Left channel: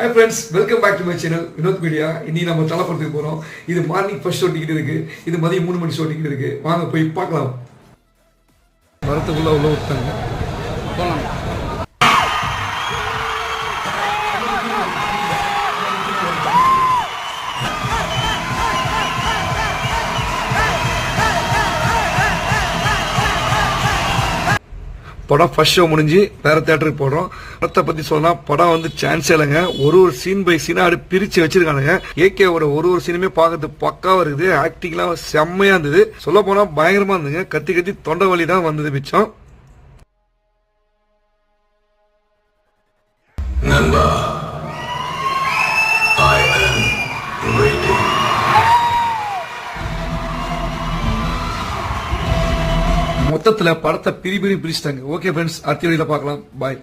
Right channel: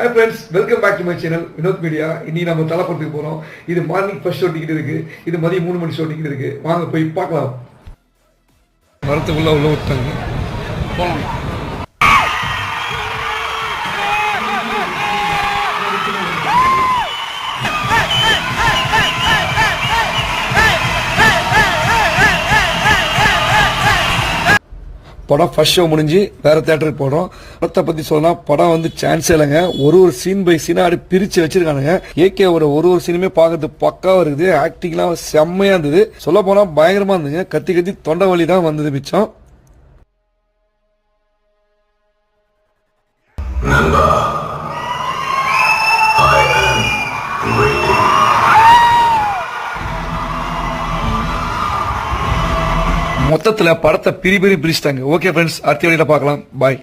Hi friends, welcome back to my channel Vinoth media. இன்னைக்கு நம்ம தலப்படத்துக்கு போறோம். இது மார்னிங் ஃபர்ஸ்ட் ஷோ டிக்கெட் இருக்கு. இது மதியம் 3 மணி ஷோ டிக்கெட் இருக்கு. வாங்க போய் பார்க்கலாம். மரத்துக்குள்ள உள்ள விட்டாங்க. போலாம். படம் ஃபர்ஸ்ட் ஷோ முடிஞ்சு வேற தியேட்டருக்கு போறோம். படத்தை பத்தி சொன்னா படம் வந்து சான்ஸே இல்லைங்க. ஒரு சீன் பை சீனா அப்படி பிரிச்சு வச்சிருக்கானுங்க. ஏகேவோட ஒரு சீனுமே பார்க்கறது பக்காவா இருக்குது. ஆக்டிங்லாம் செம்மையா இருந்தது. சொல்ல போனா பயங்கரமா இருந்துங்க. கத்தி கத்தி தொண்டை வலி தான் வந்தது மிச்சம். மொத்தத்துல படத்தை பிரிச்சிட்டாங்க. ஓகே ஃப்ரெண்ட்ஸ், அடுத்த வீடியோல பார்க்கலாம். பாய்.